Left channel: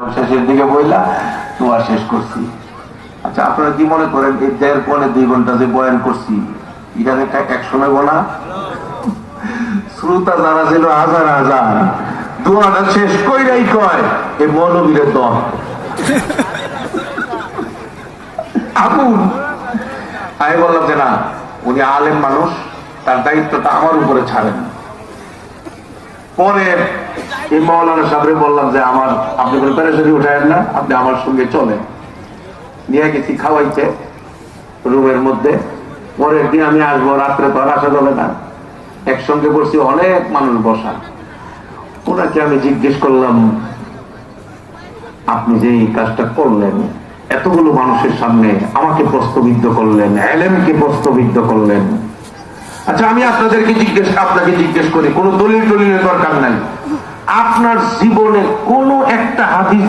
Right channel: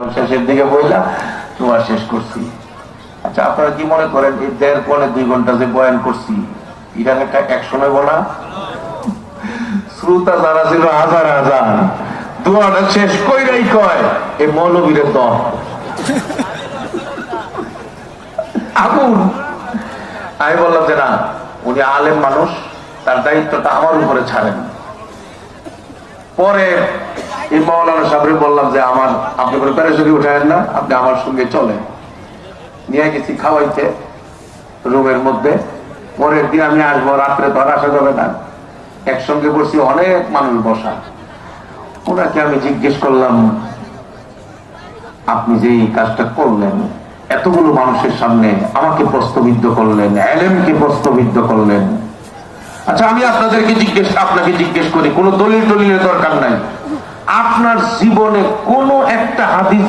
শেষের দিকে বললাম দোয়া শেষ করছি। আচ্ছা, আপনারা কি মনে করেন এই 1.5-2 ঘন্টা যে বয়ান করছি এটাকে এক সময় বলা? শ্রোতা যারা ছিল হাজার হাজার, দোয়াটা শেষ কইরাই কয় এই মৌলবীরের দম আগুন। আমি বললাম যে না, উনি আলেম মানুষ, তার দায়িত্বটা আমার উপরে ছাড়েন। পরে এই মৌলানা সাহেব বললাম যে আমার আপনি কোনো প্যারাসুটি উঠায়েন না, আপনি আমার সঙ্গে চলেন। নিয়ে গেছি খাওয়াইতে রুমের মধ্যে। পরের দিন আমি আসবো, রাত্রে তো আর আসা যাবে না, একসঙ্গে বসছি, অনেক মানুষ বসা। ওনাকে আমি জিজ্ঞেস করলাম, আপনি যে এই কাজটা করলেন, এতগুলো মানুষের সামনে আমাকে প্রশ্নবিদ্ধ করলেন, এলেমকে প্রশ্নবিদ্ধ করলেন, আচ্ছা আমি আপনাকে জিজ্ঞেস করি, কোন দলিলের দরকার নাই, আপনার জীবনে কোন একটা হাদিস